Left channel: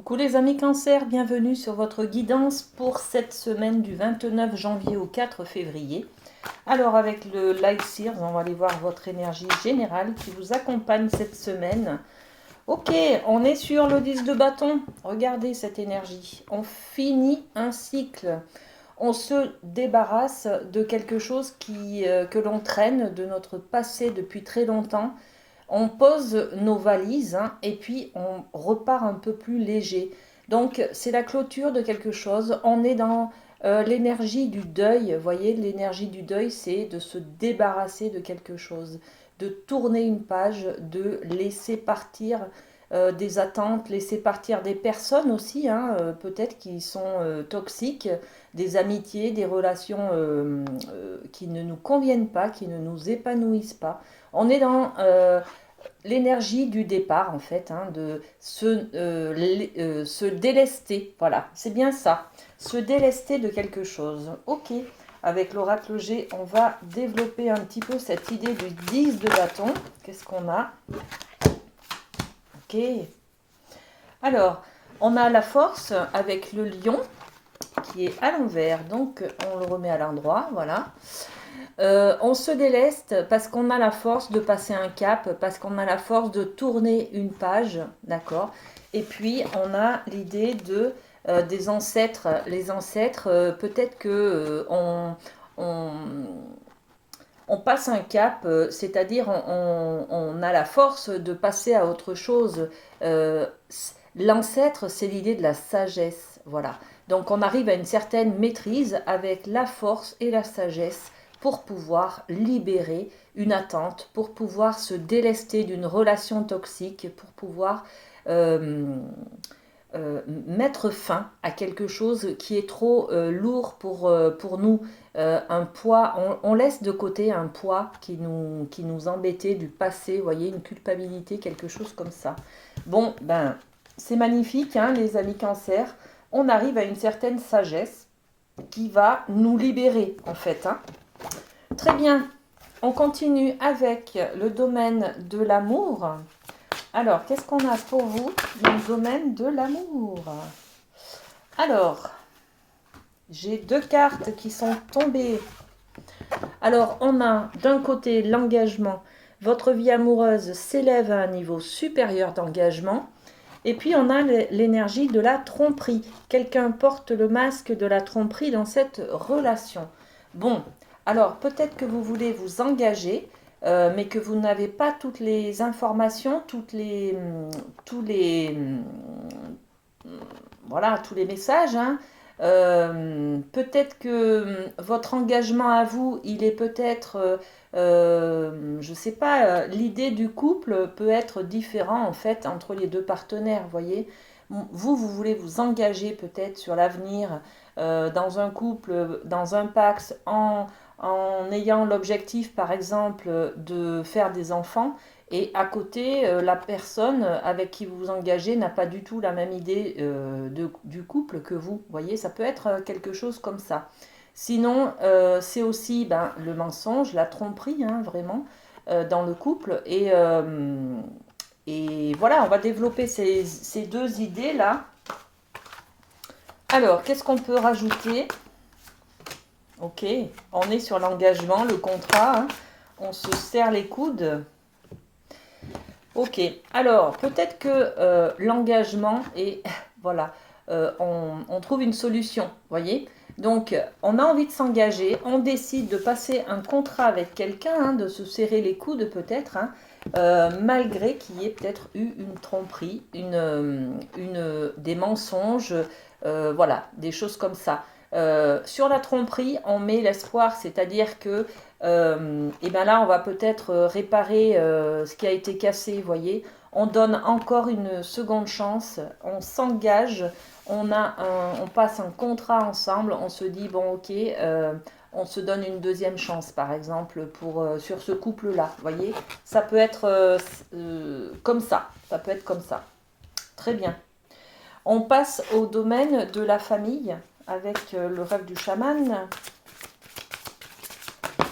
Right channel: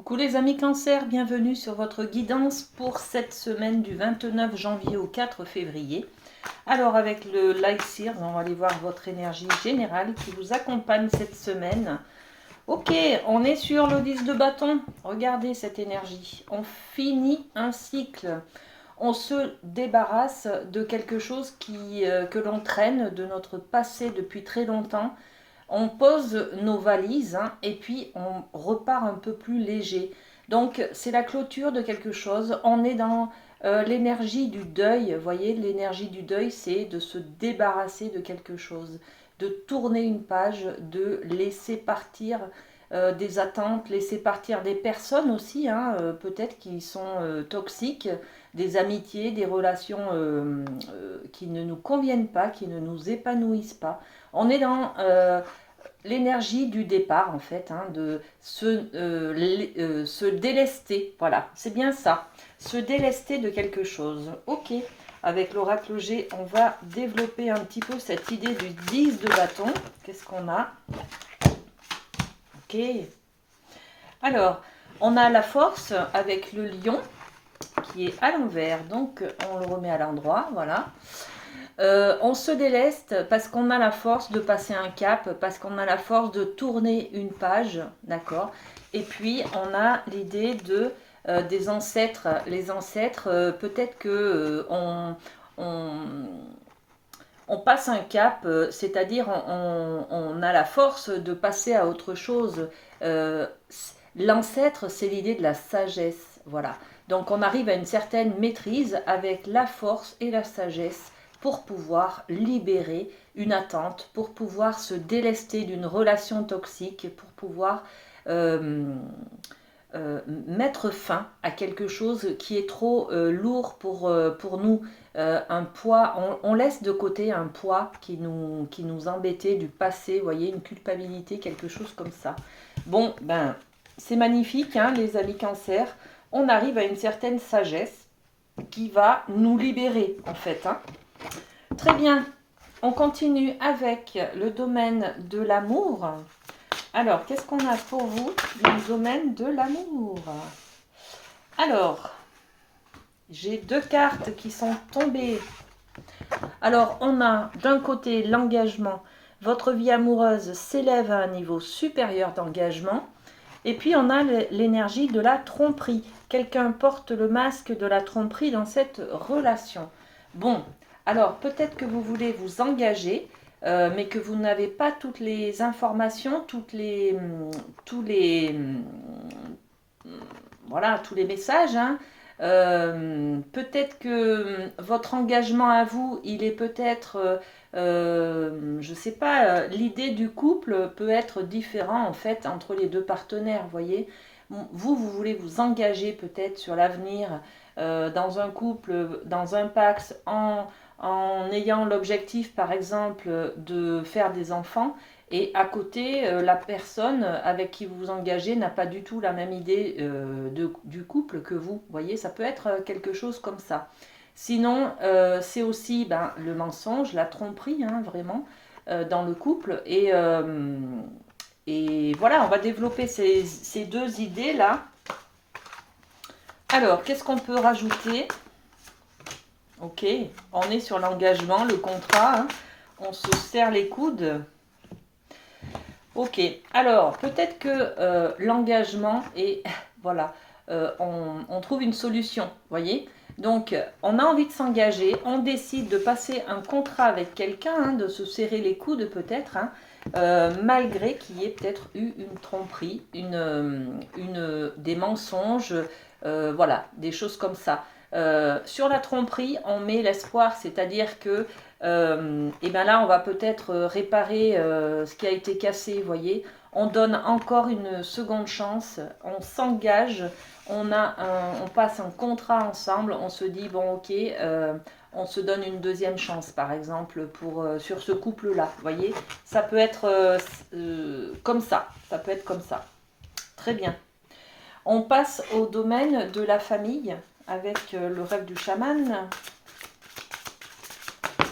Coucou les amis Cancer, bienvenue sur votre guidance pour cette semaine du 29 janvier au 4 février. Alors avec le Light Sears, on va aller voir votre énergie générale qui vous accompagne cette semaine. Ok, on est sur le 10 de bâton. Regardez cette énergie. On finit un cycle. On se débarrasse de quelque chose que l'on traîne de notre passé depuis très longtemps. On pose nos valises et puis on repart un peu plus léger. Donc c'est la clôture de quelque chose. On est dans l'énergie du deuil. Vous voyez, l'énergie du deuil, c'est de se débarrasser de quelque chose, de tourner une page, de laisser partir des attentes, laisser partir des personnes aussi, peut-être qui sont toxiques, des amitiés, des relations qui ne nous conviennent pas, qui ne nous épanouissent pas. On est dans l'énergie du départ, en fait, de se délester. Voilà, c'est bien ça. Se délester de quelque chose. Ok, avec l'oracle G, on va développer un petit peu cette idée du 10 de bâton. Qu'est-ce qu'on a? Ok. Alors, on a la force avec le lion qui est à l'envers. Donc, on le remet à l'endroit. Voilà. On se déleste parce qu'on a la force de passer un cap, parce qu'on a la force de tourner une page, d'accord. Et puis on a l'idée des ancêtres. Les ancêtres, peut-être que on, on passe un cap, c'est-à-dire on a la force de passer à autre chose. Euh, L'ancêtre, c'est l'idée de la sagesse, voilà. Donc on arrive à une certaine maîtrise avec la force et la sagesse pour pouvoir libérer une attente, pour pouvoir se délester d'une relation toxique, pour pouvoir euh, mettre fin à quelque chose qui est trop lourd pour nous. Un poids, on laisse de côté un poids qui nous embêtait du passé, vous voyez, une culpabilité, quelque chose comme ça. Bon, ben, c'est magnifique, les amis Cancer. On arrive à une certaine sagesse qui va nous libérer, en fait. Très bien, on continue avec le domaine de l'amour. Alors, qu'est-ce qu'on a pour vous dans le domaine de l'amour? Alors, j'ai deux cartes qui sont tombées. Alors, on a d'un côté l'engagement. Votre vie amoureuse s'élève à un niveau supérieur d'engagement. Et puis, on a l'énergie de la tromperie. Quelqu'un porte le masque de la tromperie dans cette relation. Bon, alors peut-être que vous voulez vous engager, mais que vous n'avez pas toutes les informations, tous les, voilà, tous les messages. Peut-être que votre engagement à vous, il est peut-être, je ne sais pas, l'idée du couple peut être différent en fait entre les deux partenaires, vous voyez. Vous, vous voulez vous engager peut-être sur l'avenir dans un couple, dans un pacte, en ayant l'objectif par exemple de faire des enfants. Et à côté, la personne avec qui vous vous engagez n'a pas du tout la même idée du couple que vous. Vous voyez, ça peut être quelque chose comme ça. Sinon, c'est aussi le mensonge, la tromperie, vraiment, dans le couple. Et voilà, on va développer ces deux idées-là. Alors, qu'est-ce qu'on peut rajouter? Ok, on est sur l'engagement, le contrat. On se serre les coudes. Ok, alors peut-être que l'engagement et voilà, on trouve une solution, voyez. Donc on a envie de s'engager, on décide de passer un contrat avec quelqu'un, de se serrer les coudes peut-être, malgré qu'il y ait peut-être eu une tromperie, des mensonges, voilà, des choses comme ça. Sur la tromperie, on met l'espoir, c'est-à-dire que et bien là, on va peut-être réparer ce qui a été cassé, vous voyez. On donne encore une seconde chance, on s'engage, on passe un contrat ensemble, on se dit, bon ok, on se donne une deuxième chance, par exemple, sur ce couple-là, vous voyez. Ça peut être comme ça peut être comme ça. Très bien. On passe au domaine de la famille avec le rêve du chaman.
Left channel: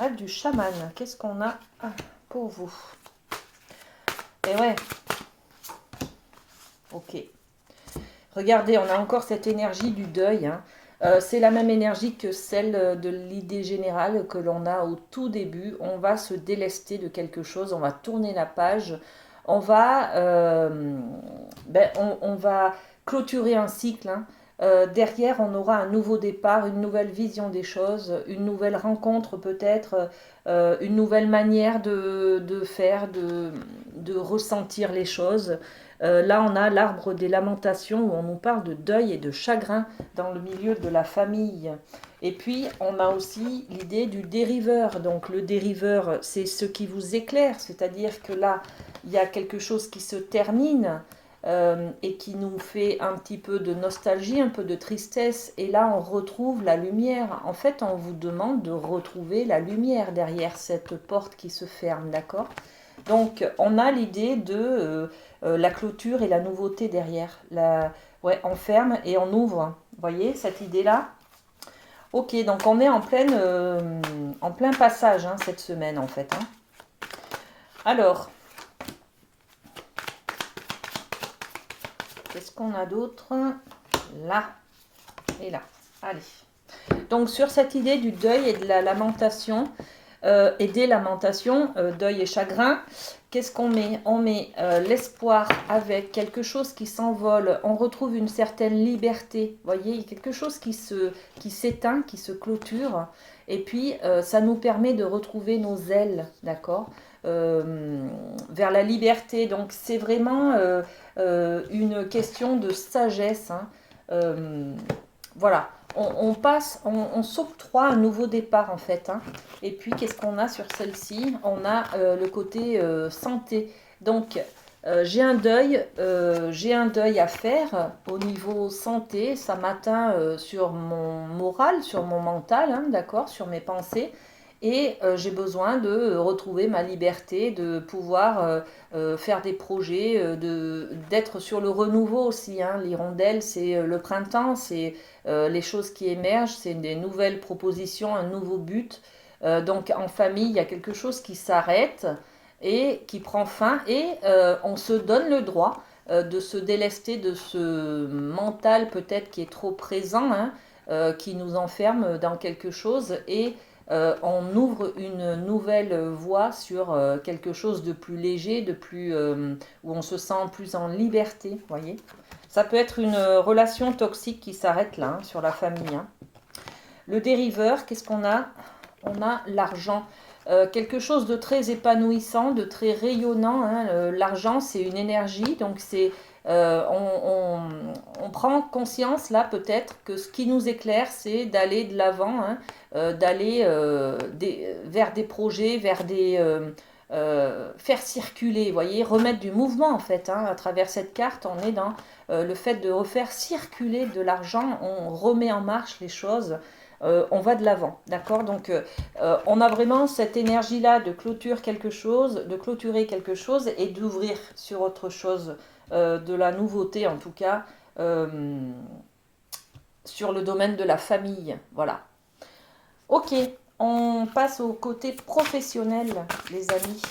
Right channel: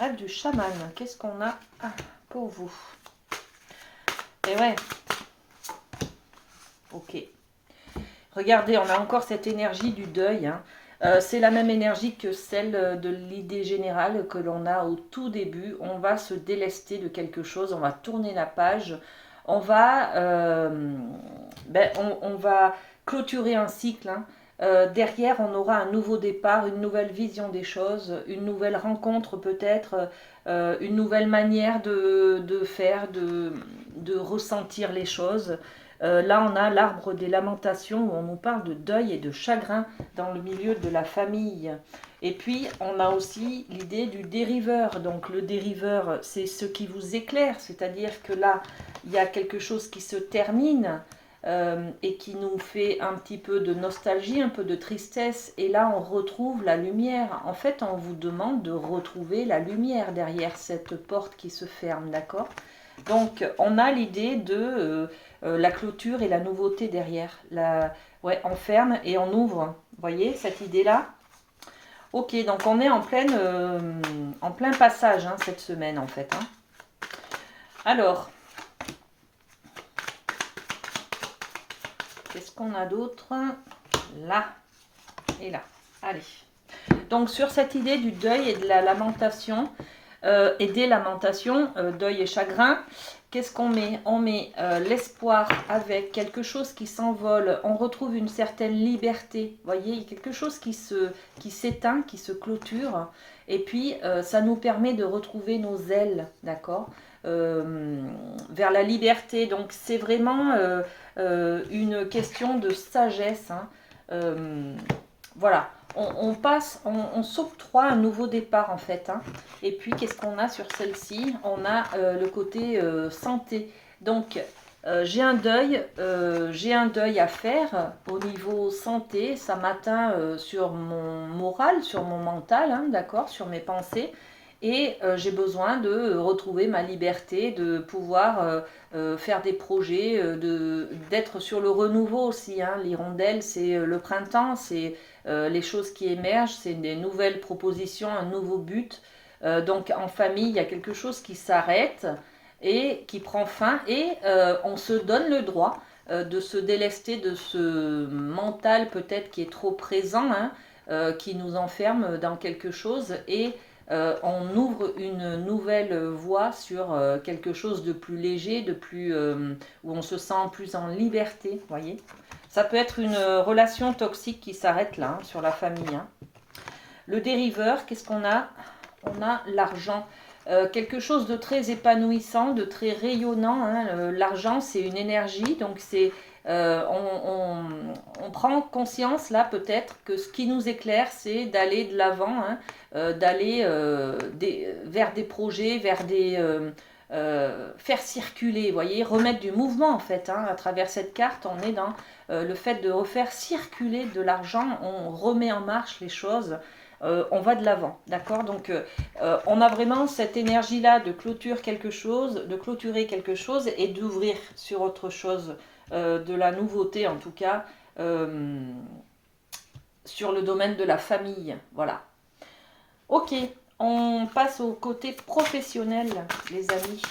Rêve du chaman, qu'est-ce qu'on a pour vous? Et ouais, ok. Regardez, on a encore cette énergie du deuil, hein. C'est la même énergie que celle de l'idée générale que l'on a au tout début. On va se délester de quelque chose, on va tourner la page, on va, on va clôturer un cycle, hein. Derrière, on aura un nouveau départ, une nouvelle vision des choses, une nouvelle rencontre peut-être, une nouvelle manière de faire, de ressentir les choses. Là, on a l'arbre des lamentations où on nous parle de deuil et de chagrin dans le milieu de la famille. Et puis, on a aussi l'idée du dériveur. Donc, le dériveur, c'est ce qui vous éclaire, c'est-à-dire que là, il y a quelque chose qui se termine et qui nous fait un petit peu de nostalgie, un peu de tristesse. Et là, on retrouve la lumière. En fait, on vous demande de retrouver la lumière derrière cette porte qui se ferme, d'accord? Donc, on a l'idée de la clôture et la nouveauté derrière. Ouais, on ferme et on ouvre. Vous voyez cette idée-là? Ok, donc on est en plein passage hein, cette semaine en fait. Hein. Alors, qu'est-ce qu'on a d'autre? Là et là. Allez. Donc, sur cette idée du deuil et de la lamentation, et des lamentations, deuil et chagrin, qu'est-ce qu'on met? On met l'espoir avec quelque chose qui s'envole, on retrouve une certaine liberté, vous voyez, il y a quelque chose qui s'éteint, qui se clôture, et puis ça nous permet de retrouver nos ailes, d'accord, vers la liberté. Donc c'est vraiment une question de sagesse, hein. Voilà. On s'octroie un nouveau départ en fait. Hein. Et puis qu'est-ce qu'on a sur celle-ci? On a le côté santé. Donc j'ai un deuil à faire au niveau santé. Ça m'atteint sur mon moral, sur mon mental, hein, d'accord, sur mes pensées. Et j'ai besoin de retrouver ma liberté, de pouvoir faire des projets, d'être sur le renouveau aussi. Hein. L'hirondelle, c'est le printemps, c'est les choses qui émergent, c'est des nouvelles propositions, un nouveau but. Donc en famille, il y a quelque chose qui s'arrête et qui prend fin et on se donne le droit de se délester de ce mental peut-être qui est trop présent, hein, qui nous enferme dans quelque chose et on ouvre une nouvelle voie sur quelque chose de plus léger, où on se sent plus en liberté, voyez. Ça peut être une relation toxique qui s'arrête là, hein, sur la famille. Hein. Le dériveur, qu'est-ce qu'on a? On a l'argent. Quelque chose de très épanouissant, de très rayonnant. Hein. L'argent, c'est une énergie, donc c'est on prend conscience là peut-être que ce qui nous éclaire, c'est d'aller de l'avant, hein, d'aller vers des projets, vers des faire circuler, vous voyez, remettre du mouvement en fait. Hein, à travers cette carte, on est dans le fait de refaire circuler de l'argent, on remet en marche les choses. On va de l'avant, d'accord? Donc, on a vraiment cette énergie-là de clôturer quelque chose et d'ouvrir sur autre chose, de la nouveauté en tout cas, sur le domaine de la famille, voilà. Ok, on passe au côté professionnel, les amis.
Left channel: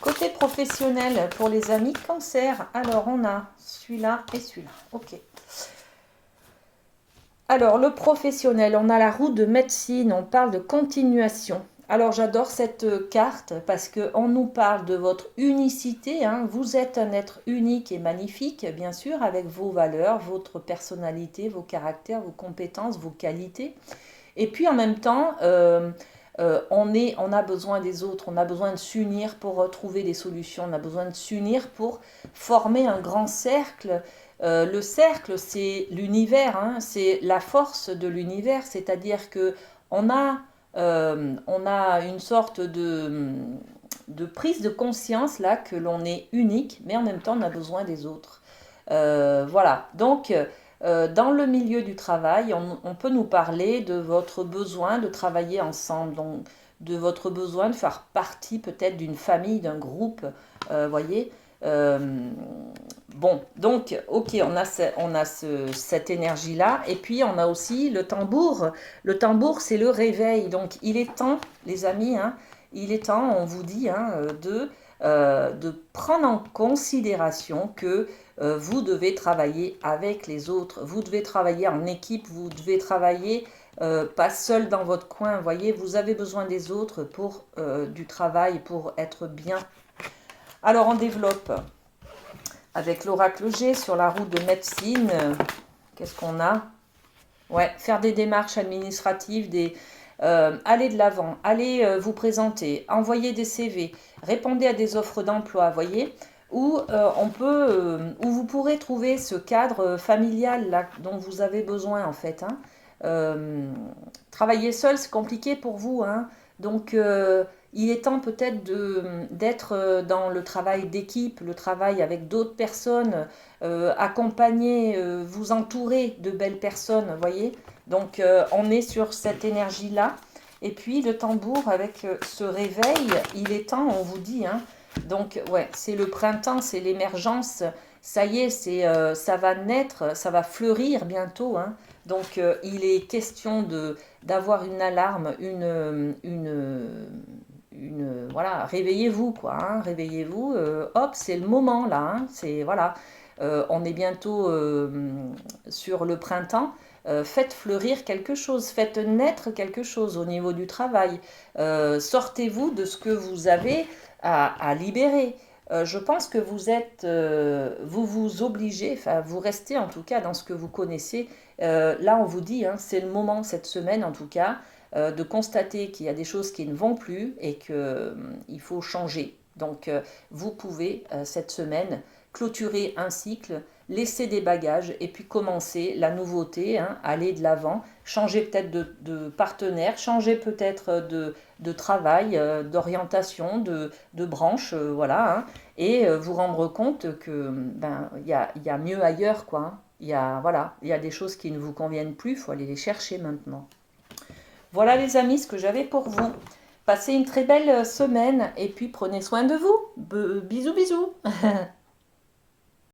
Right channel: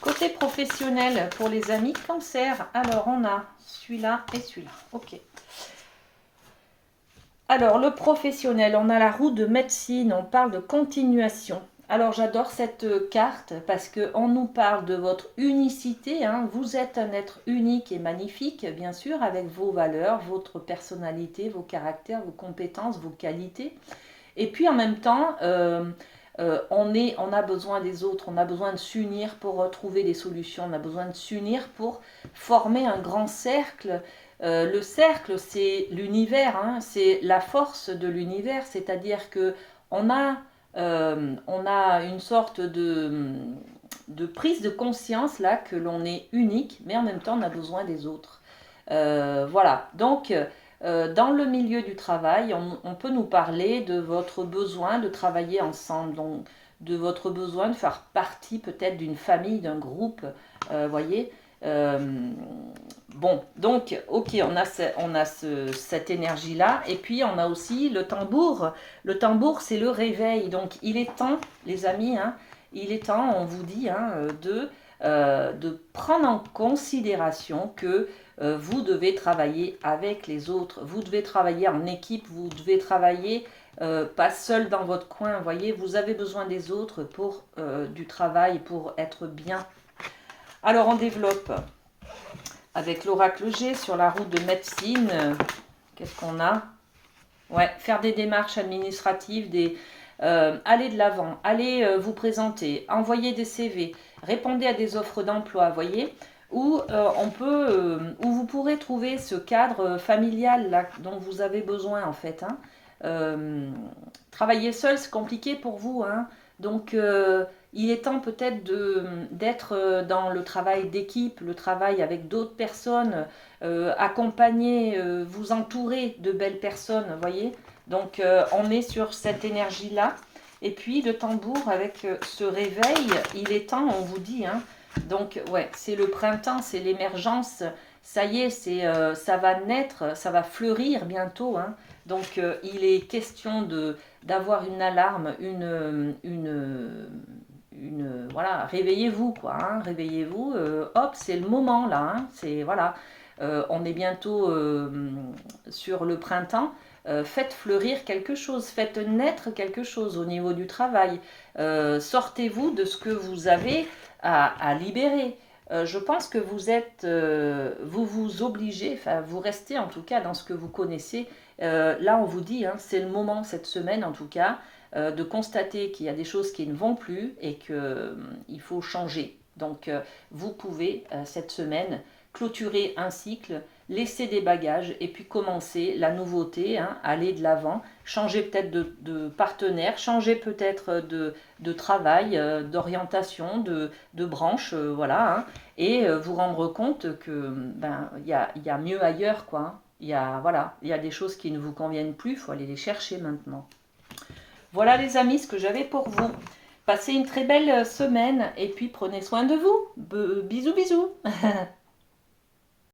Côté professionnel pour les amis cancer, alors on a celui-là et celui-là, ok. Alors, le professionnel, on a la roue de médecine, on parle de continuation. Alors, j'adore cette carte parce qu'on nous parle de votre unicité. Hein. Vous êtes un être unique et magnifique, bien sûr, avec vos valeurs, votre personnalité, vos caractères, vos compétences, vos qualités. Et puis, en même temps, on a besoin des autres, on a besoin de s'unir pour trouver des solutions, on a besoin de s'unir pour former un grand cercle. Le cercle, c'est l'univers, hein, c'est la force de l'univers, c'est-à-dire que on a, on a une sorte de prise de conscience là que l'on est unique, mais en même temps on a besoin des autres. Voilà, donc dans le milieu du travail, on peut nous parler de votre besoin de travailler ensemble, donc de votre besoin de faire partie peut-être d'une famille, d'un groupe, voyez. Bon, donc, ok, on a cette énergie-là. Et puis, on a aussi le tambour. Le tambour, c'est le réveil. Donc, il est temps, les amis, hein, il est temps, on vous dit, hein, de prendre en considération que vous devez travailler avec les autres, vous devez travailler en équipe, vous devez travailler pas seul dans votre coin, vous voyez, vous avez besoin des autres pour du travail, pour être bien. Alors on développe avec l'oracle G sur la route de médecine. Qu'est-ce qu'on a? Ouais, faire des démarches administratives, aller de l'avant, aller vous présenter, envoyer des CV, répondez à des offres d'emploi, voyez, où où vous pourrez trouver ce cadre familial là, dont vous avez besoin en fait. Hein. Travailler seul, c'est compliqué pour vous, hein. Donc il est temps peut-être d'être dans le travail d'équipe, le travail avec d'autres personnes, accompagner, vous entourer de belles personnes, vous voyez. Donc on est sur cette énergie-là. Et puis le tambour avec ce réveil, il est temps, on vous dit. Hein. Donc ouais, c'est le printemps, c'est l'émergence. Ça y est, ça va naître, ça va fleurir bientôt. Hein. Donc il est question d'avoir une alarme, voilà, réveillez-vous quoi, hein, réveillez-vous, hop, c'est le moment là, hein, c'est voilà, on est bientôt sur le printemps. Faites fleurir quelque chose, faites naître quelque chose au niveau du travail. Sortez-vous de ce que vous avez à libérer. Je pense que vous vous obligez, enfin vous restez en tout cas dans ce que vous connaissez. Là on vous dit, hein, c'est le moment cette semaine en tout cas, de constater qu'il y a des choses qui ne vont plus et qu'il faut changer. Donc vous pouvez cette semaine clôturer un cycle, laisser des bagages et puis commencer la nouveauté, hein, aller de l'avant, changer peut-être de partenaire, changer peut-être de travail, d'orientation, de branche, voilà, hein, et vous rendre compte que ben y a mieux ailleurs quoi. Hein. Voilà, il y a des choses qui ne vous conviennent plus, il faut aller les chercher maintenant. Voilà les amis, ce que j'avais pour vous. Passez une très belle semaine et puis prenez soin de vous. Bisous bisous.